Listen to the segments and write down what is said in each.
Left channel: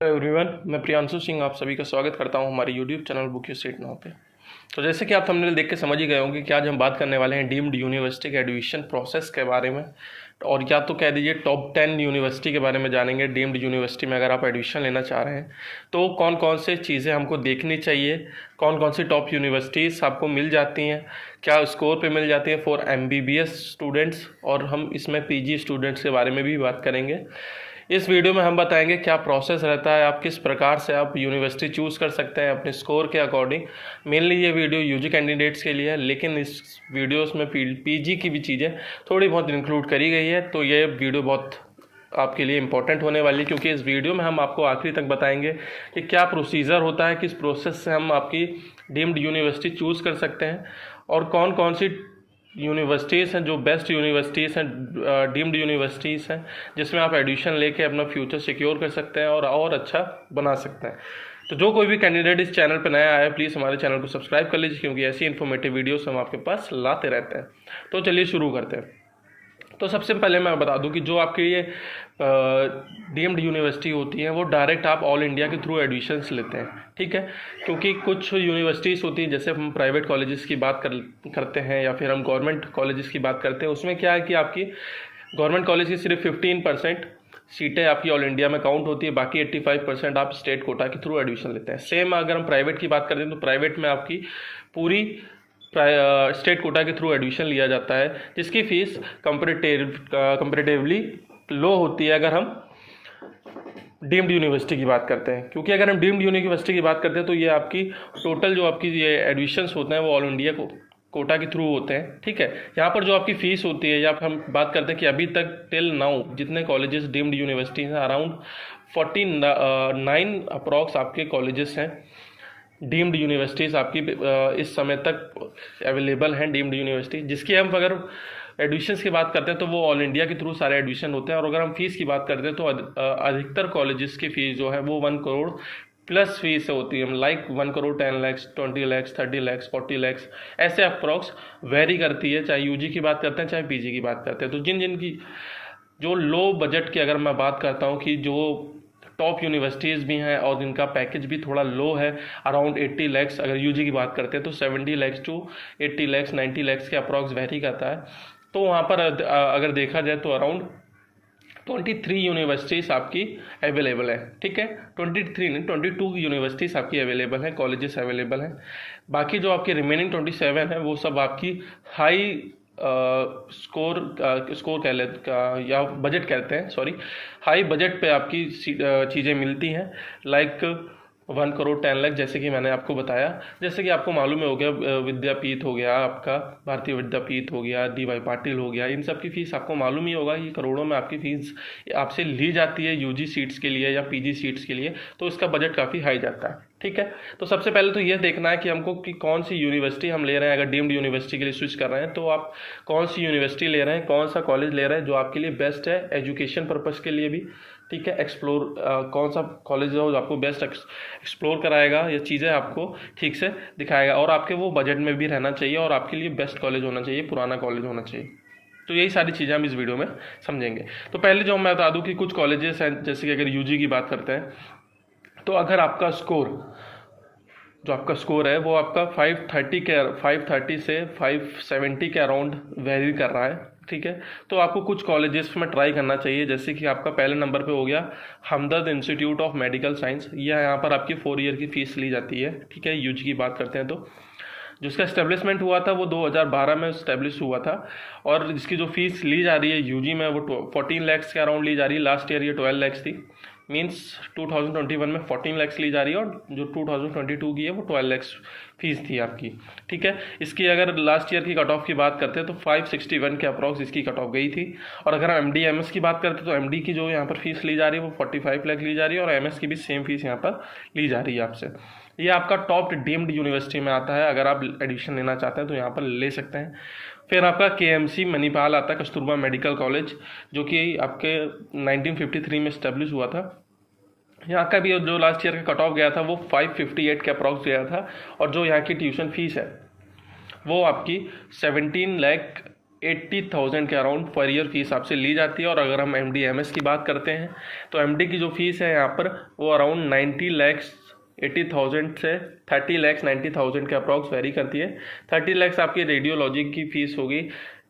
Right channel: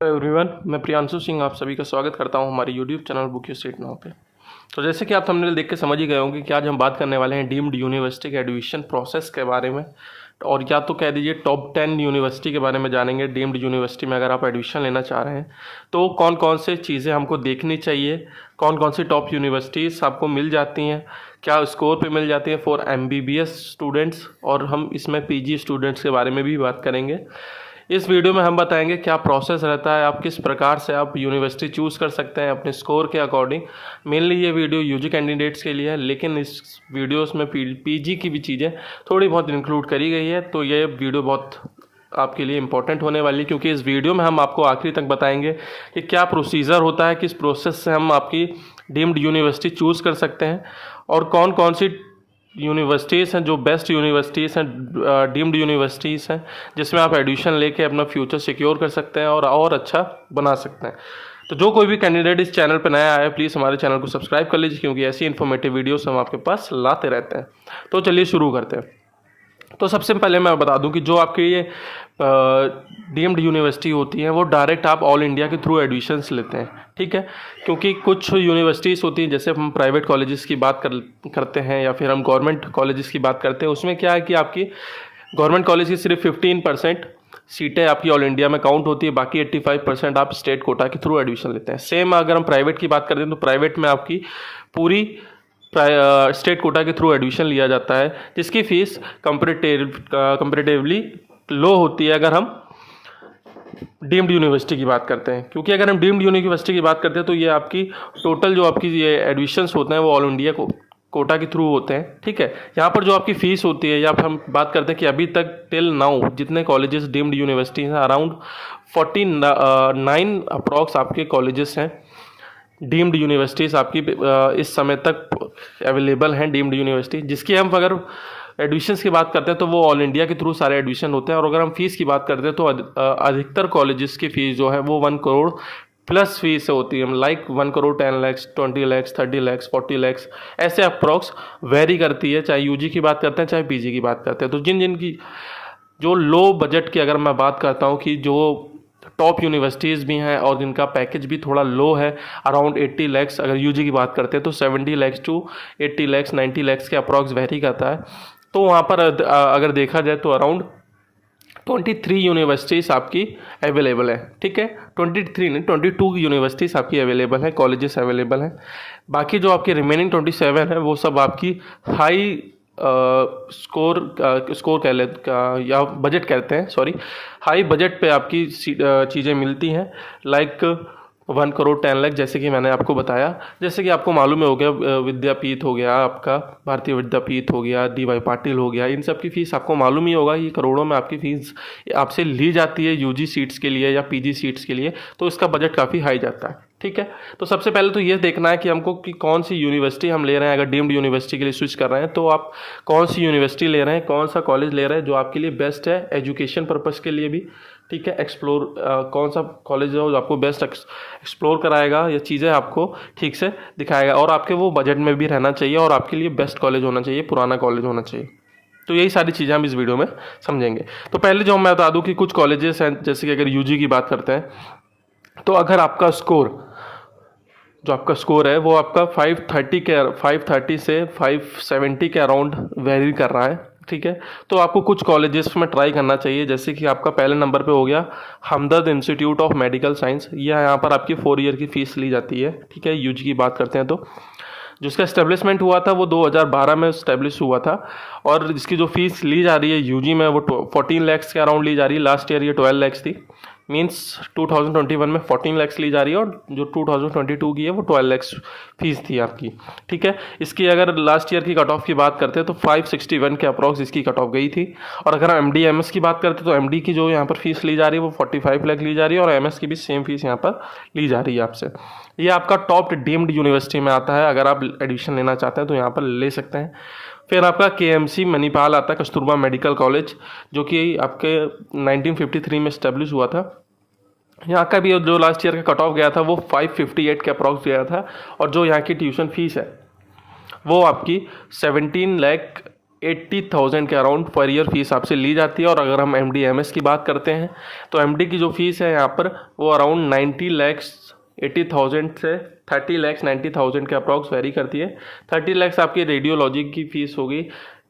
Everyone, मैं प्रियांशु सिंह आप सभी का स्वागत करता हूं हमारे YouTube channel book you street now पे। तो जैसे कि आप थंबनेल देख के समझ ही गए होंगे कि आज हम बात करने वाले हैं डीम्ड यूनिवर्सिटी के एडमिशन प्रोसेस के बारे में, और या तो कह दीजिए टॉप 10 यूनिवर्सिटी के बारे में जानेंगे। डीम्ड यूनिवर्सिटी में अगर आप एडमिशन लेना चाह रहे हैं तो कौन कौन से चीज़ें हमको देखनी चाहिए, कौन कौन सी टॉप यूनिवर्सिटीज़ आपको मिल जाती हैं, क्या स्कोर पे मिल जाती है फॉर MBBS स्टूडेंट्स, और हम इसमें PG स्टूडेंट्स के बारे में भी बात करेंगे। इस वीडियो में हम बताएंगे क्या प्रोसेस रहता है, आप किस प्रकार से आप यूनिवर्सिटी चूज़ कर सकते हैं अपने स्कोर के अकॉर्डिंग। मेनली ये वीडियो यूजी कैंडिडेट्स के लिए है, लेकिन इस वीडियोस में PG की भी चीज़ें थोड़ी बहुत इंक्लूड करी गई है। तो ये वीडियो बहुत आपके लिए इम्पोर्टेंट होने वाली है, क्योंकि इस वीडियो में हम आपको आखिरी तक बताएंगे कि क्या प्रोसीजर होता है, किस प्रोसेस से हम आपकी डीम्ड यूनिवर्सिटी चूज़ कर सकते हैं, और कौन कौन सी यूनिवर्सिटीज़ हैं जो बेस्ट यूनिवर्सिटीज़ हैं, डीम्ड यूनिवर्सिटीज़ हैं जिसमें आप एडमिशन लेके अपना फ्यूचर सिक्योर कर सकते हैं और अच्छा बना सकते हैं। तो जो कोई भी कैंडिडेट इस चैनल पर नया आया है, प्लीज़ हमारे चैनल को सब्सक्राइब कर लीजिए, क्योंकि ऐसी इन्फॉर्मेटिव वीडियोस हम आपके पास लाते रहते हैं। तो चलिए शुरू करते हैं। तो सबसे पहले मैं बता दूं कि जो आपकी ये डीम्ड यूनिवर्सिटी होती है वो डायरेक्ट आप ऑल इंडिया के थ्रू एडमिशन्स लेते हैं, ठीक है। क्योंकि कुछ यूनिवर्सिटीज़ होती हैं, जैसे हम प्राइवेट कॉलेजेस की बात करते हैं या फिर हम गवर्नमेंट कॉलेजेस की बात करते हैं, उसमें क्या है कि आपकी गवर्नमेंट कॉलेज की सिर्फ 15% सीटें आपकी ऑल इंडिया में काउंट होती है, बाकी 85% आप स्टेट कोटा के थ्रू एडमिशन लेते हैं। सेम अगर हम प्राइवेट की बात करते हैं तो प्राइवेट में आपकी पूरी स्टेट कोटा के थ्रू एडमिशन लिया जाता है, जिसकी फ़ीस कंपेरेटिवली लो होती है अगर हम डीम्ड यूनिवर्सिटी की बात करते हैं। क्योंकि अगर हम डीम्ड यूनिवर्सिटी की बात करते हैं तो ये आपकी टोटल जो आपकी ये एडमिशन्स होते हैं वो ऑल इंडिया कोटा के थ्रू होते हैं, ठीक है। यहाँ पर जो आपकी फ़ीस होती है, या फिर हम बात करते हैं कि अभी तक टिल नाउ जितने कॉलेजेस डीम्ड यूनिवर्सिटी हैं, अराउंड 49 अप्रॉक्स आपके कॉलेजेस हैं डीम्ड यूनिवर्सिटीज़ आपकी इस समय तक अवेलेबल हैं डीम्ड यूनिवर्सिटी, जिसकी हम अगर एडमिशन्स की बात करते हैं तो वो ऑल इंडिया के थ्रू सारे एडमिशन होते हैं। और अगर हम फीस की बात करते हैं तो अधिकतर कॉलेजेस की फ़ीस जो है वो 1 करोड़ प्लस फीस होती है, लाइक 1 करोड़ 10 लाख 20 लाख 30 लाख 40 लाख ऐसे अप्रॉक्स वेरी करती है, चाहे यूजी की बात करते हैं चाहे पीजी की बात करते हैं। तो जिन की जो लो बजट की अगर मैं बात करता हूँ कि जो टॉप यूनिवर्सिटीज़ भी हैं और जिनका पैकेज भी थोड़ा लो है, अराउंड 80 लैक्स अगर यूजी की बात करते हैं तो 70 लैक्स टू 80 लैक्स 90 लैक्स के अप्रॉक्स वेरी करता है। तो वहाँ पर अगर देखा जाए तो अराउंड 23 यूनिवर्सिटीज़ आपकी अवेलेबल है, ठीक है। 23 नहीं 22 यूनिवर्सिटीज़ आपकी अवेलेबल है, कॉलेजेस अवेलेबल हैं। बाकी जो आपकी रिमेनिंग 27 है वो सब आपकी हाई स्कोर कह ले या बजट कहते हैं, सॉरी, हाई बजट पे आपकी चीज़ें मिलती हैं, लाइक 1 करोड़ 10 लाख, जैसे कि मैंने आपको बताया। जैसे कि आपको मालूम हो गया विद्यापीठ हो गया, आपका भारतीय विद्यापीठ हो गया, DY पाटिल हो गया, इन सब की फ़ीस आपको मालूम ही होगा, ये करोड़ों में आपकी फ़ीस आपसे ली जाती है यूजी सीट्स के लिए या PG सीट्स के लिए। तो इसका बजट काफ़ी हाई जाता है, ठीक है। तो सबसे पहले तो ये देखना है कि हमको कि कौन सी यूनिवर्सिटी हम ले रहे हैं। अगर डीम्ड यूनिवर्सिटी के लिए स्विच कर रहे हैं तो आप कौन सी यूनिवर्सिटी ले रहे हैं, कौन सा कॉलेज ले रहे हैं जो आपके लिए बेस्ट है एजुकेशन पर्पज़ के लिए भी, ठीक है। एक्सप्लोर कौन सा कॉलेज है जो आपको बेस्ट एक्सप्लोर कराएगा, ये चीज़ें आपको ठीक से दिखाएगा, और आपके वो बजट में भी रहना चाहिए, और आपके लिए बेस्ट कॉलेज होना चाहिए, पुराना कॉलेज होना चाहिए। तो यही सारी चीज़ें हम इस वीडियो में समझेंगे। तो पहले जो मैं बता दूं कि कुछ कॉलेजेस हैं, जैसे कि अगर यूजी की बात करते हैं तो अगर आपका स्कोर है वो आपका 530 से 570 के अराउंड वेरी कर रहा है, ठीक है। तो आपको कुछ कॉलेजेस में ट्राई करना चाहिए, जैसे कि आपका पहले नंबर पे हो गया हमदर्द इंस्टीट्यूट ऑफ मेडिकल साइंस। यह यहाँ पर आपकी 4 ईयर की फ़ीस ली जाती है, ठीक है। यूजी की बात करते हैं तो जिसका इस्टेब्लिशमेंट हुआ था वो 2012 में इस्टेब्लिश हुआ था, और जिसकी जो फ़ीस ली जा रही है यूजी में वो 14 लैक्स के अराउंड ली जा रही है। लास्ट ईयर ये 12 लैक्स थी, मीन्स 2021 में 14 लैक्स ली जा रही है, और जो 2022 की है वो 12 लैक्स फीस थी आपकी, ठीक है। इसकी अगर लास्ट ईयर की कट ऑफ की बात करते हैं तो 561 के अप्रॉक्स इसकी कट ऑफ गई थी। और अगर हम MD MS की बात करते हैं तो MD की जो यहाँ पर फीस ली जा रही है वो 45 लाख ली जा रही है, और MS की भी सेम फीस यहाँ पर ली जा रही है आपसे। ये आपका टॉप डीम्ड यूनिवर्सिटी में आता है, अगर आप एडमिशन लेना चाहते हैं तो यहाँ पर ले सकते हैं। फिर आपका KMC मणिपाल आता है, कस्तूरबा मेडिकल कॉलेज, जो कि आपके 1953 में इस्टेब्लिश हुआ था। यहाँ का भी जो लास्ट ईयर का कट ऑफ गया था वो 558 के अप्रॉक्स गया था, और जो यहाँ की ट्यूशन फीस है वो आपकी 17 लाख 80,000 के अराउंड पर ईयर फीस आपसे ली जाती है। और अगर हम MD MS की बात करते हैं तो MD की जो फीस है यहाँ पर वो अराउंड 90,80,000 से 30,90,000 के अप्रॉक्स वेरी करती है। 30 लाख आपकी रेडियोलॉजी की फ़ीस होगी,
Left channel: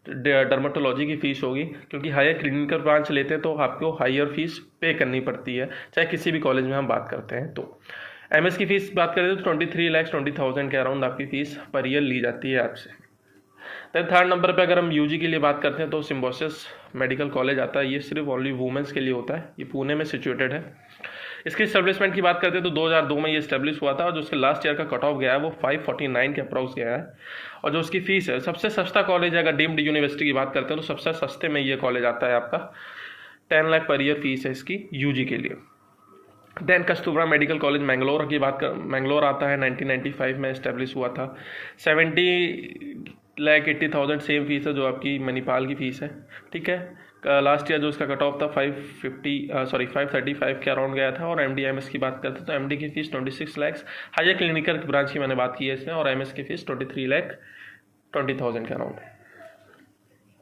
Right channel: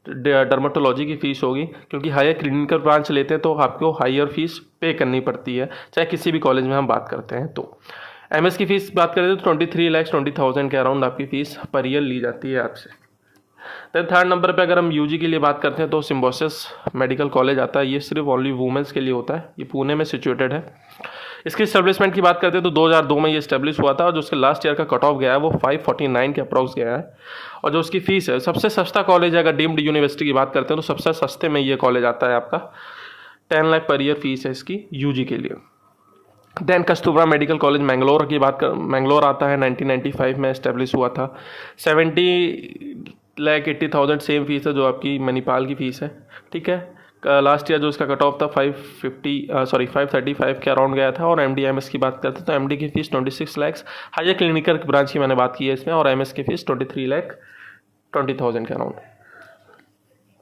डर्माटोलॉजी की फ़ीस होगी, क्योंकि हायर क्लिनिकल ब्रांच लेते हैं तो आपको हायर फीस पे करनी पड़ती है, चाहे किसी भी कॉलेज में हम बात करते हैं। तो MS की फ़ीस बात करें तो 23,20,000 के अराउंड आपकी फ़ीस पर ईयर ली जाती है आपसे। देन थर्ड नंबर पे अगर हम UG के लिए बात करते हैं तो सिम्बोसिस मेडिकल कॉलेज आता है। ये सिर्फ ओनली वुमेंस के लिए होता है, ये पुणे में सिचुएटेड है। इसकी इस्टेब्लिशमेंट की बात करते हैं तो 2002 में ये इस्टेब्लिश हुआ था और जो उसके लास्ट ईयर का कट ऑफ गया है वो 549 के अप्रॉक्स गया है। और जो उसकी फ़ीस है, सबसे सस्ता कॉलेज है, अगर डीम्ड यूनिवर्सिटी की बात करते हैं तो सबसे सस्ते में ये कॉलेज आता है आपका। 10 लाख पर ईयर फीस है इसकी UG के लिए। Then Kasturba medical college Mangalore की बात कर, मैंगलोर आता है, 1995 में इस्टेब्लिश हुआ था। 70,80,000 सेम फीस है जो आपकी मणिपाल की फ़ीस है, ठीक है। लास्ट ईयर जो उसका कट ऑफ था 535 के अराउंड गया था। और MD MS की बात करते हैं तो MD की fees 26 lakh, higher clinical branch की मैंने बात की है इसमें, और MS की फ़ीस 23,20,000 के अराउंड।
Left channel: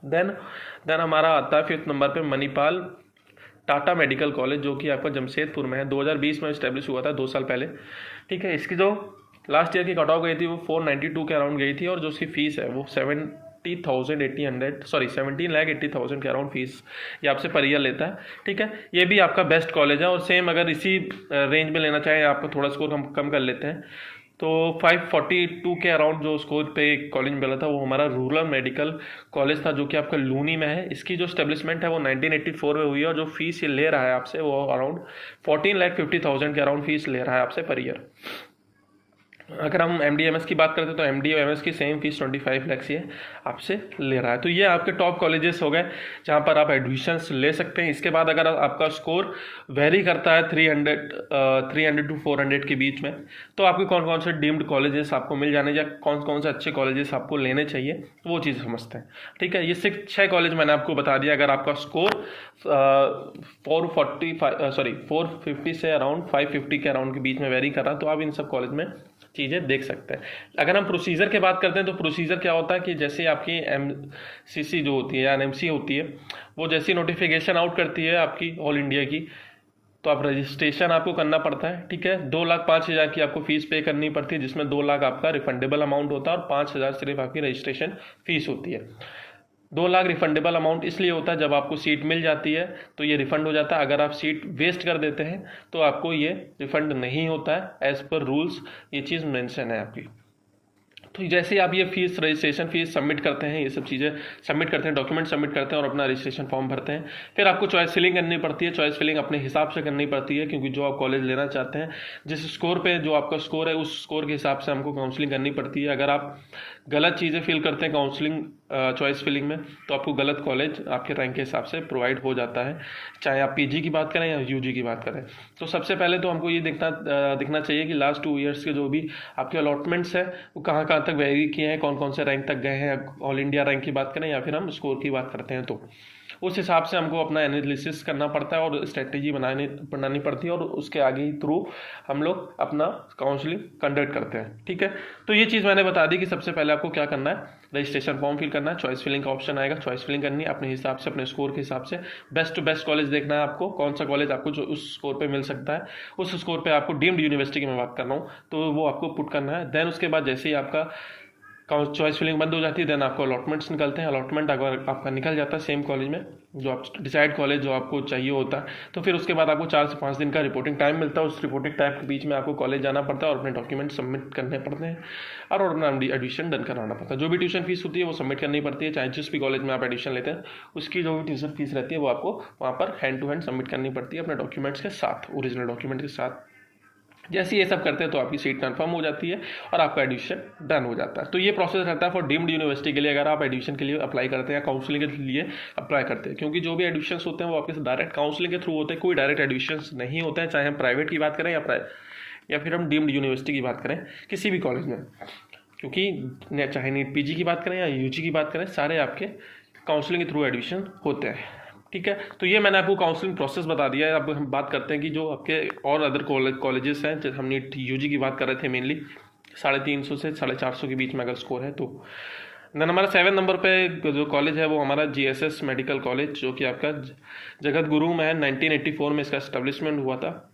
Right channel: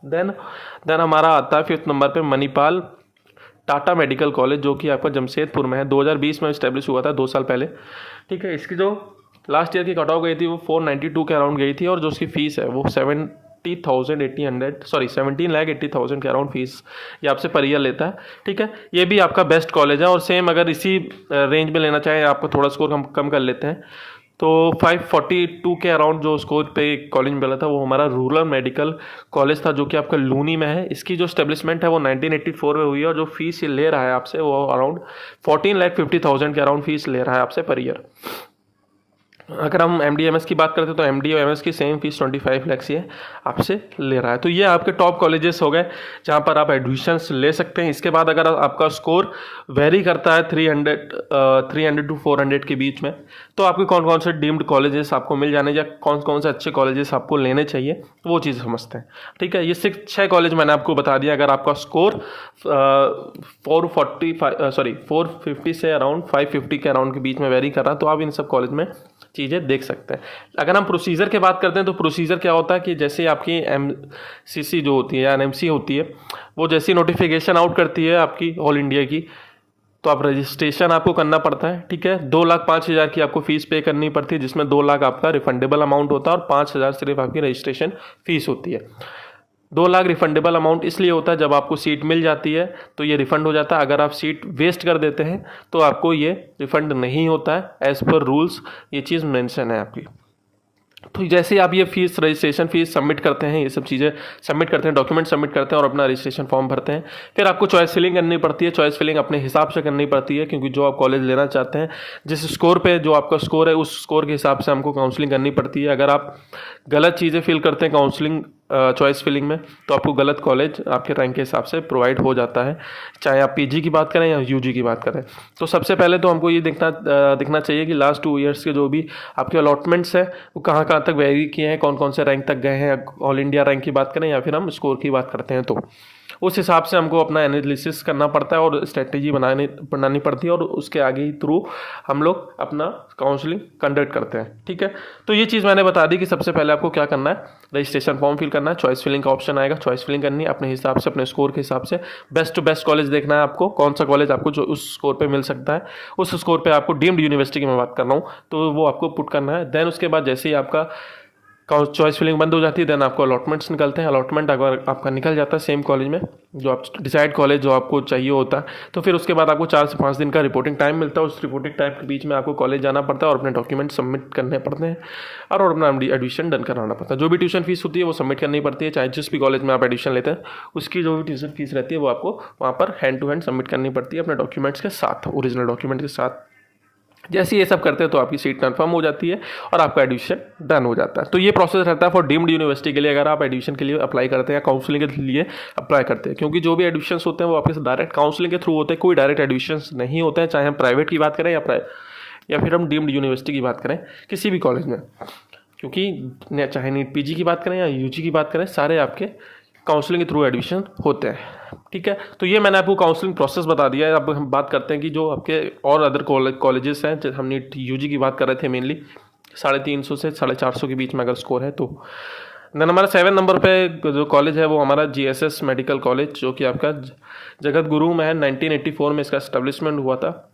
देन हमारा आता है 5th नंबर पे मणिपाल टाटा मेडिकल कॉलेज, जो कि आपका जमशेदपुर में है। 2020 में इस्टेब्लिश हुआ था, 2 साल पहले, ठीक है। इसकी जो लास्ट ईयर की कट ऑफ गई थी वो 492 के अराउंड गई थी, और जो उसकी फ़ीस है वो 17,80,000 के अराउंड फीस ये आपसे पर ईयर लेता है, ठीक है। ये भी आपका बेस्ट कॉलेज है। और सेम अगर इसी रेंज में लेना चाहें, आपको थोड़ा स्कोर हम कम कर लेते हैं तो 542 के अराउंड जो स्कोर पे कॉलेज मिला था वो हमारा रूरल मेडिकल कॉलेज था, जो कि आपका लूनी में है। इसकी जो स्टेब्लिशमेंट है वो 1984 में हुई है, और जो फीस ये ले रहा है आपसे वो अराउंड 14,50,000 के अराउंड फीस ले रहा है आपसे पर ईयर। अगर हम MD MS की बात करते हैं तो MD और MS की सेम फीस 25 लाख ही है आपसे ले रहा है। तो ये आपके टॉप कॉलेजेस हो गए जहाँ पर आप एडमिशन्स ले सकते हैं। इसके बाद अगर आपका स्कोर वेरी करता है 300 to 400 के बीच में, तो आपके कौन कौन से डीम्ड कॉलेजेस आपको मिल जाने, या कौन कौन से अच्छे कॉलेजेस आपको लेने चाहिए, वो चीज़ समझते हैं, ठीक है। ये 6 कॉलेज मैंने आपको बता दिया। अगर आपका स्कोर 450 से अराउंड 550 के अराउंड के बीच में वेरी कर रहा है तो आप इन सब कॉलेज में चीज़ें देख सकते हैं। अगर हम प्रोसीजर की बात करते हैं तो प्रोसीजर क्या होता है कि जैसे आपकी MCC जो होती है या NMC होती है, वो जैसी नोटिफिकेशन आउट करती है आपकी ऑल इंडिया की, तो आप रजिस्ट्रेशन आपको करना पड़ता है, ठीक है। 2,05,000 की आपको फीस पे करनी पड़ती है, जिसमें 2 लाख आपका रिफंडेबल अमाउंट होता है और 5,000 सिर्फ आपकी रजिस्ट्रेशन फीस होती है। 2 लाख रिफंडेबल अमाउंट इसलिए होता है जब आपको सीट मिल जाती है तो ये रिफंड हो जाता है। अगर आप सीट वेस्ट कर देते हैं तो आपको ये रिफंड नहीं होता है, एज़ पर रूल्स ये चीज़ मेंशन है आपकी। तो जैसे ही आप ये फीस, रजिस्ट्रेशन फीस सबमिट करते हैं, ये सब चीज़ें सबमिट करते हैं, डॉक्यूमेंट सबमिट करते हैं और अपना रजिस्ट्रेशन फॉर्म भरते हैं, फिर आपको चॉइस फिलिंग करनी पड़ती है। चॉइस फिलिंग अपने हिसाब से करनी पड़ती है, क्योंकि जो आप कॉलेज लेना चाहते हैं, जिस स्कोर पे जो आपका स्कोर है उस स्कोर के हिसाब से हमको काउंसलिंग करनी पड़ती है। अगर आप गलत चीज़ें फिल करते हैं काउंसलिंग चॉइस फिलिंग में तो आपको गलत कॉलेज आपके रैंक के हिसाब से प्रोवाइड हो जाता है, चाहे आप PG की बात करें या UG की बात करें। तो सबसे पहले तो हमको ये दिखना चाहिए कि लास्ट 2 ईयर्स के जो भी आपके अलॉटमेंट्स हैं वो कहाँ कहाँ तक वेरी किए हैं, कौन कौन से रैंक तक गए हैं। ऑल इंडिया रैंक की बात करें या फिर हम स्कोर की बात करते हैं, तो उस हिसाब से हमको अपना एनालिसिस करना पड़ता है और स्ट्रेटेजी बनानी पड़ती है, और उसके आगे ही थ्रू हम लोग अपना काउंसलिंग कंडक्ट करते हैं, ठीक है। तो ये चीज़ मैंने बता दी कि सबसे पहले आपको क्या करना है, रजिस्ट्रेशन फॉर्म फिल करना है, चॉइस फिलिंग का ऑप्शन आएगा, चॉइस फिलिंग करनी है अपने हिसाब से, अपने स्कोर के हिसाब से। बेस्ट टू बेस्ट कॉलेज देखना है आपको, कौन सा कॉलेज आपको जो उस स्कोर पे मिल सकता है, उस स्कोर पे आपको डीम्ड यूनिवर्सिटी की मैं बात कर रहा हूँ तो वो आपको पुट करना है। देन उसके बाद जैसे ही आपका चॉइस फिलिंग बंद हो जाती है, देन आपको अलॉटमेंट्स निकलते हैं। अलॉटमेंट अगर आपका निकल जाता है सेम कॉलेज में, जो आप डिसाइड कॉलेज जो आपको चाहिए होता है, तो फिर उसके बाद आपको 4 से 5 दिन का रिपोर्टिंग टाइम मिलता है। उस रिपोर्टिंग टाइम के बीच में आपको कॉलेज जाना पड़ता है और अपने डॉक्यूमेंट सबमिट करने पड़ते हैं और अपना एडमिशन डन कराना पड़ता है। जो भी ट्यूशन फीस होती है वो सबमिट करनी पड़ती है, चाहे जिस भी कॉलेज में आप एडमिशन लेते हैं उसकी जो भी ट्यूशन फीस रहती है वो आपको वहाँ पर हैंड टू हैंड सबमिट करनी पड़ती है अपने डॉक्यूमेंट्स के साथ, ओरिजिनल डॉक्यूमेंट के साथ। जैसे ये सब करते हैं तो आपकी सीट कंफर्म हो जाती है और आपका एडमिशन डन हो जाता है। तो ये प्रोसेस रहता है फॉर डीम्ड यूनिवर्सिटी के लिए, अगर आप एडमिशन के लिए अप्लाई करते हैं या काउंसलिंग के लिए अप्लाई करते हैं, क्योंकि जो भी एडमिशन होते हैं वो आपके डायरेक्ट काउंसलिंग के थ्रू होते हैं, कोई डायरेक्ट एडमिशन नहीं होते हैं, चाहे हम प्राइवेट की बात करें या फिर हम डीम्ड यूनिवर्सिटी की बात करें किसी भी कॉलेज में, क्योंकि चाहे नीट PG की बात करें या UG की बात करें, सारे आपके काउंसलिंग के थ्रू एडमिशन होते हैं, ठीक है। तो ये मैंने आपको काउंसलिंग प्रोसेस बता दिया है। अब हम बात करते हैं कि जो आपके और अदर कॉलेजेस हैं, जैसे हमने UG की बात कर रहे थे, मेनली 350 से 450 के बीच में अगर स्कोर है तो देन हमारा 7 नंबर पे जो कॉलेज है वो हमारा GSS मेडिकल कॉलेज, जो कि आपका जगत गुरु में है। 1984 में इसका एस्टेब्लिशमेंट हुआ था।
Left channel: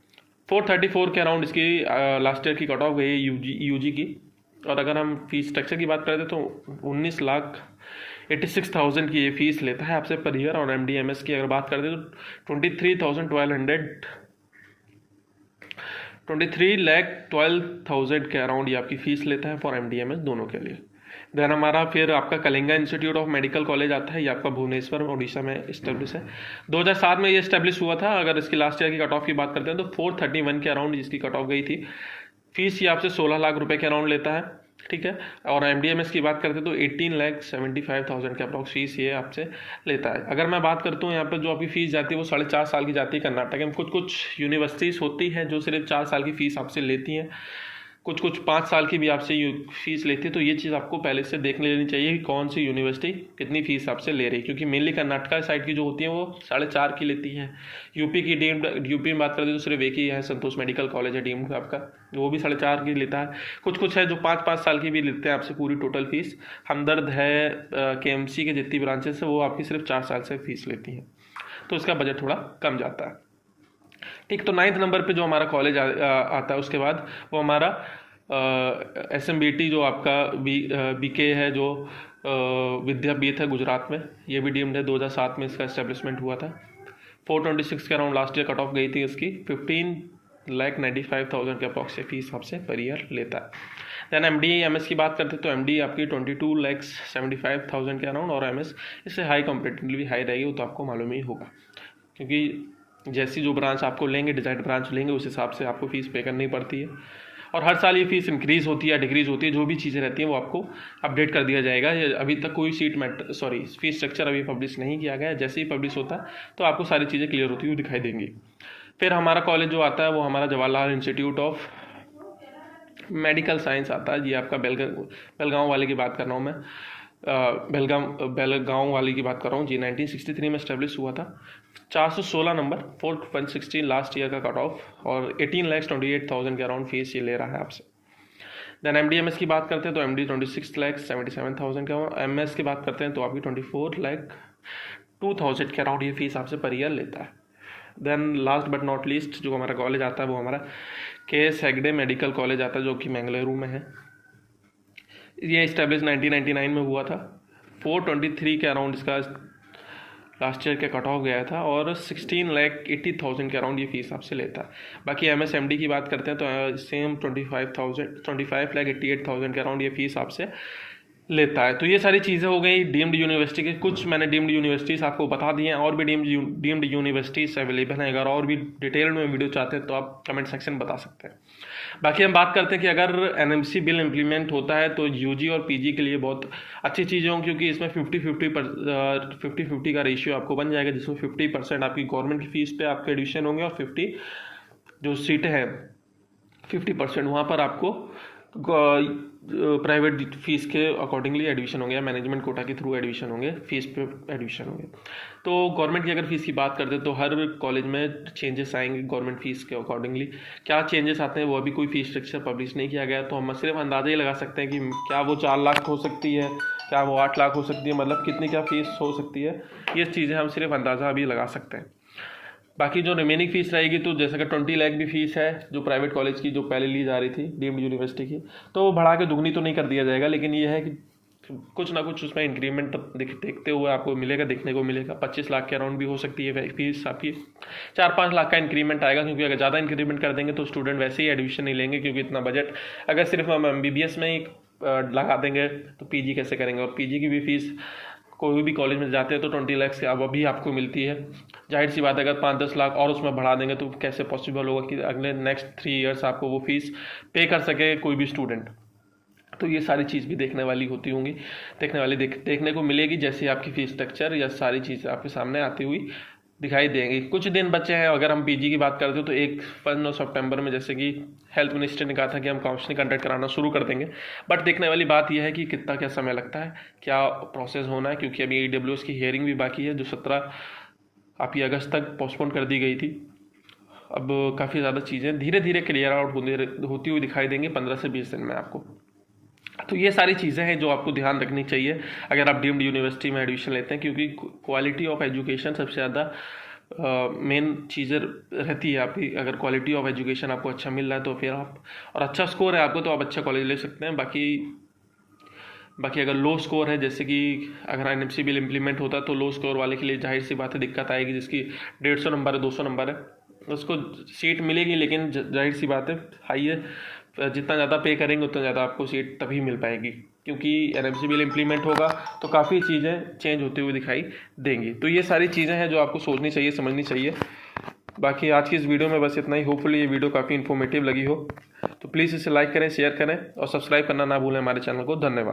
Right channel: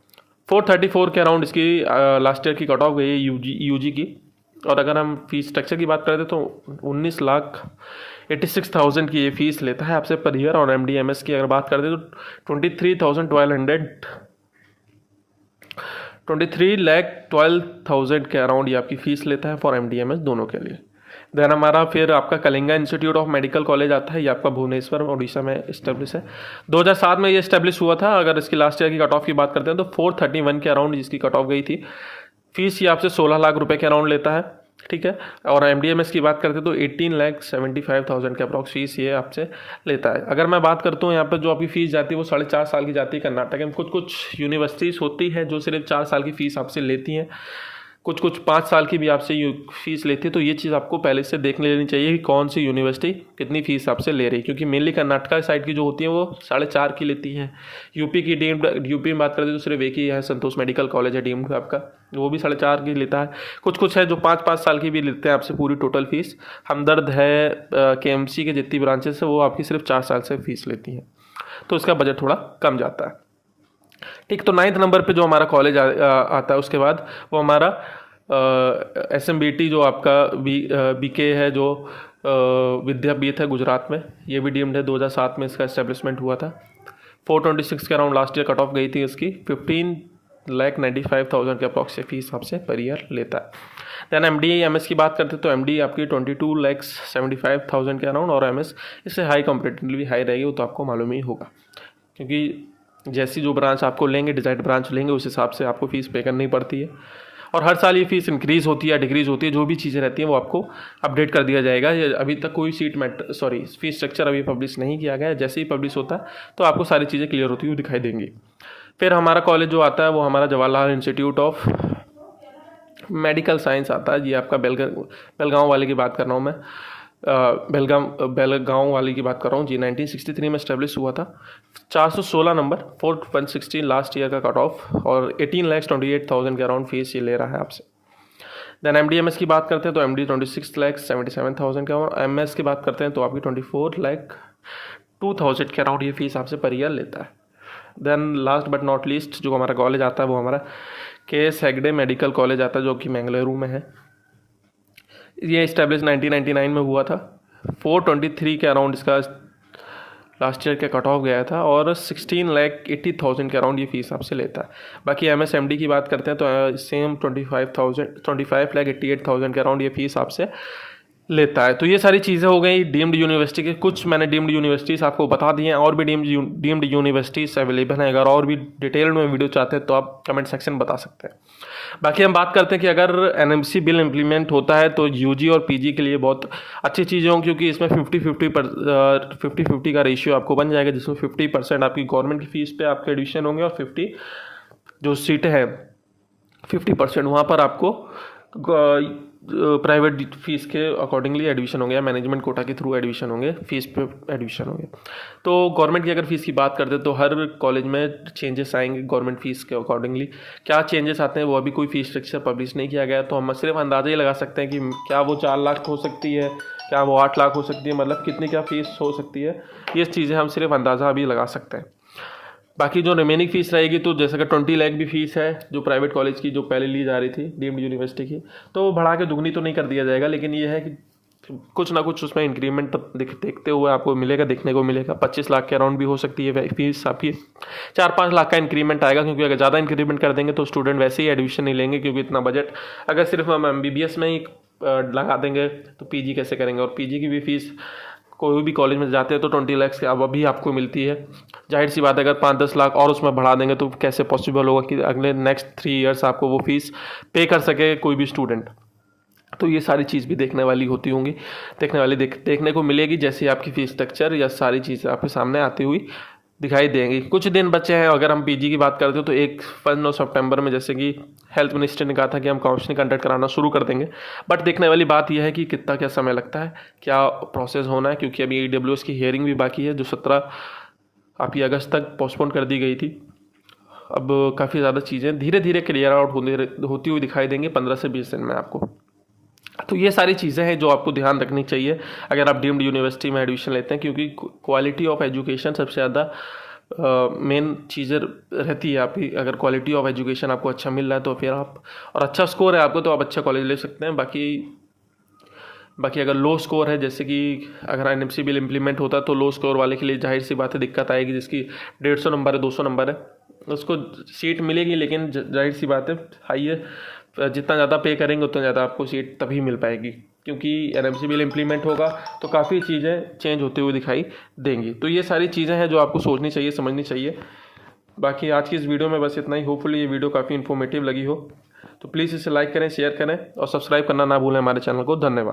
434 के अराउंड इसकी लास्ट ईयर की कट ऑफ गई है यूजी की। और अगर हम फीस स्ट्रक्चर की बात करते तो 19,86,000 की ये फीस लेता है आपसे पर ईयर। और MD/MS की अगर बात करते तो 23,12,000 के अराउंड ये आपकी फ़ीस लेता है फॉर MD/MS दोनों के लिए। देन हमारा फिर आपका Kalinga institute of medical college आता है। ये आपका भुवनेश्वर उड़ीसा में इस्टेब्लिश है। 2007 में ये इस्टेब्लिश हुआ था। अगर इसकी लास्ट ईयर की कट ऑफ की बात करते हैं तो 431 के अराउंड जिसकी कट ऑफ गई थी। फीस ये आपसे 16 लाख रुपए के अराउंड लेता है, ठीक है। और MD/MS की बात करते हैं तो 18,75,000 के अप्रॉक्स फीस ये आपसे लेता है। अगर मैं बात करता हूँ यहाँ पे जो आपकी फ़ीस जाती है वो 4.5 साल की जाती है। कर्नाटक में कुछ यूनिवर्सिटीज़ होती है जो सिर्फ 4 साल की फ़ीस आपसे लेती हैं, कुछ 5 साल की भी आपसे फीस लेती है। तो ये चीज़ आपको पहले से देख लेनी चाहिए कि कौन सी यूनिवर्सिटी कितनी फ़ीस आपसे ले रही है, क्योंकि मेनली कर्नाटका साइड की जो होती है वो 4.5 की लेती है। यूपी में बात करते हैं तो सिर्फ एक ही है, संतोष मेडिकल कॉलेज है डीम्ड आपका, वो भी 4.5 की लेता है। कुछ है जो 5 साल की भी लेते हैं आपसे पूरी टोटल फीस। हमदर्द है KMC के जितनी ब्रांचेस है वो आपकी सिर्फ 4 साल से फीस लेती हैं, तो इसका बजट थोड़ा कम जाता है, ठीक। तो 9th नंबर पे जो हमारा कॉलेज आता है उसके बाद वो हमारा SMBT जो आपका BK है, जो विद्यापीठ है गुजरात में, ये भी डीम्ड है। 2007 में इसका एस्टेब्लिशमेंट हुआ था। 426 के around last year cut off गई थी इसकी। 15,95,000 के अप्रॉक्स फीस आपसे पर ईयर लेता है। दैन MD/MS की बात करते हैं तो MD आपकी 22,75,000 के अराउंड, और MS इससे हाई कंपेरेटिवली हाई रहेगी, वो तो आपको मालूम ही होगा, क्योंकि जैसी जो ब्रांच आपको लेंगे, डिजाइड ब्रांच लेंगे, उस हिसाब से आपको फीस पे करनी पड़ती है। और हर साल ये फीस इंक्रीज़ होती है या डिक्रीज़ होती है, जो भी चीज़ें रहती हैं वो आपको अपडेट कर दिया जाएगा। अभी तक कोई फीस स्ट्रक्चर अभी पब्लिश नहीं किया गया है। जैसे ही पब्लिश होता है तो आपको सारी चीज़ें क्लियर होती हुई दिखाई देंगी। फिर हमारा कॉलेज जो आता है वो हमारा Jawaharlal institute of medical science आता है। ये आपका बेलगांव वाले की बात कर रहा हूँ मैं, बेलगांव वाली की बात कर रहा हूँ जी। 1963 में स्टैब्लिश हुआ था। 416 नंबर, 416 लास्ट ईयर का कट ऑफ, और 18,28,000 के अराउंड फीस ये ले रहा है आपसे। देन MD/MS की बात करते हैं तो MD 26,77,000 का। MS की बात करते हैं तो आपकी 24,02,000 के अराउंड ये फीस आपसे पर ईयर लेता है। Then last but not least जो हमारा कॉलेज आता है वो हमारा KS हेगड़े मेडिकल कॉलेज आता है, जो कि मैंगलुरु में है। ये इस्टेब्लिश 1999 में हुआ था। 423 के अराउंड इसका लास्ट ईयर का कट ऑफ गया था, और 16,80,000 के अराउंड ये फीस आपसे लेता है। बाकी MSMD की बात करते हैं तो सेम 25,88,000 के अराउंड ये फीस आपसे लेता है। तो ये सारी चीज़ें हो गई डीम्ड यूनिवर्सिटी की। कुछ मैंने डीम्ड यूनिवर्सिटीज़ आपको बता दी हैं, और भी डीम्ड यूनिवर्सिटीज़ अवेलेबल हैं। अगर और भी डिटेल में वीडियो चाहते हैं तो आप कमेंट सेक्शन बता सकते हैं। बाकी हम बात करते हैं कि अगर NMC बिल इम्प्लीमेंट होता है तो UG और PG के लिए बहुत अच्छी चीज़ें हों, क्योंकि इसमें 50-50 का रेशियो आपको बन जाएगा, जिसमें 50% आपकी गवर्नमेंट की फीस पे आपके एडमिशन होंगे, और 50 जो सीटें हैं 50% वहाँ पर आपको प्राइवेट फीस के अकॉर्डिंगली एडमिशन होंगे, या मैनेजमेंट कोटा के थ्रू एडमिशन होंगे, फीस पे एडमिशन होंगे। तो गवर्नमेंट की अगर फीस की बात करते हैं तो हर कॉलेज में चेंजेस आएंगे गवर्नमेंट फीस के अकॉर्डिंगली। क्या चेंजेस आते हैं वो अभी कोई फीस स्ट्रक्चर पब्लिश नहीं किया गया, तो हम सिर्फ अंदाजा ही लगा सकते हैं कि क्या वो 4 लाख हो सकती है, क्या वो 8 लाख हो सकती है, मतलब कितनी क्या फीस हो सकती है, ये चीज़ें हम सिर्फ अंदाज़ा अभी लगा सकते हैं। बाकी जो रिमेनिंग फीस रहेगी तो जैसे कि 20 लाख भी फीस है जो प्राइवेट कॉलेज की जो पहले ली जा रही थी डीम्ड यूनिवर्सिटी की, तो बढ़ा के दुगनी तो नहीं कर दिया जाएगा, लेकिन ये है कि कुछ ना कुछ उसमें इंक्रीमेंट देखते हुए आपको मिलेगा, देखने को मिलेगा। 25 लाख के अराउंड भी हो सकती है फीस आपकी। 4-5 लाख का इंक्रीमेंट आएगा, क्योंकि अगर ज़्यादा इंक्रीमेंट कर देंगे तो स्टूडेंट वैसे ही एडमिशन नहीं लेंगे, क्योंकि इतना बजट अगर सिर्फ हम MBBS में ही लगा देंगे तो PG कैसे करेंगे। और PG की भी फीस कोई भी कॉलेज में जाते हैं तो 20 लाख से अब अभी आपको मिलती है। जाहिर सी बात है अगर 5-10 लाख और उसमें बढ़ा देंगे तो कैसे पॉसिबल होगा कि अगले नेक्स्ट 3 ईयर्स आपको वो फीस पे कर सके कोई भी स्टूडेंट। तो ये सारी चीज़ भी देखने वाली होती होंगी, देखने को मिलेगी जैसे आपकी फीस स्ट्रक्चर या सारी चीज़ें आपके सामने आती हुई दिखाई देंगी। कुछ दिन बचे हैं। अगर हम PG की बात करते हो तो 1 सितंबर में जैसे कि हेल्थ मिनिस्टर ने कहा था कि हम काउंसलिंग कंडक्ट कराना शुरू कर देंगे, बट देखने वाली बात यह है कि कितना क्या समय लगता है, क्या प्रोसेस होना है, क्योंकि अभी AWS की हियरिंग भी बाकी है जो 17 आपकी अगस्त तक पोस्टपोन कर दी गई थी। अब काफ़ी ज़्यादा चीज़ें धीरे धीरे क्लियर आउट होती हुई दिखाई देंगी 15 से 20 दिन में आपको। तो ये सारी चीज़ें हैं जो आपको ध्यान रखनी चाहिए अगर आप डीम्ड यूनिवर्सिटी में एडमिशन लेते हैं, क्योंकि क्वालिटी ऑफ एजुकेशन सबसे ज़्यादा मेन चीज़ें रहती है आपकी। अगर क्वालिटी ऑफ एजुकेशन आपको अच्छा मिल रहा है तो फिर आप, और अच्छा स्कोर है आपको, तो आप अच्छा कॉलेज ले सकते हैं। बाकी अगर लो स्कोर है, जैसे कि अगर एनएमसी बिल इम्प्लीमेंट होता तो लो स्कोर वाले के लिए जाहिर सी बात है दिक्कत आएगी। जिसकी 150 नंबर है, 200 नंबर है, उसको सीट मिलेगी, लेकिन जाहिर सी बात है हाई है, जितना ज़्यादा पे करेंगे उतना ज़्यादा आपको सीट तभी मिल पाएगी, क्योंकि एनएमसी बिल इम्प्लीमेंट होगा तो काफ़ी चीज़ें चेंज होते हुए दिखाई देंगी। तो ये सारी चीज़ें हैं जो आपको सोचनी चाहिए, समझनी चाहिए। बाकी आज की इस वीडियो में बस इतना ही। होपफुली ये वीडियो काफ़ी इन्फॉर्मेटिव लगी हो, तो प्लीज़ इसे लाइक करें, शेयर करें और सब्सक्राइब करना ना भूलें हमारे चैनल को। धन्यवाद।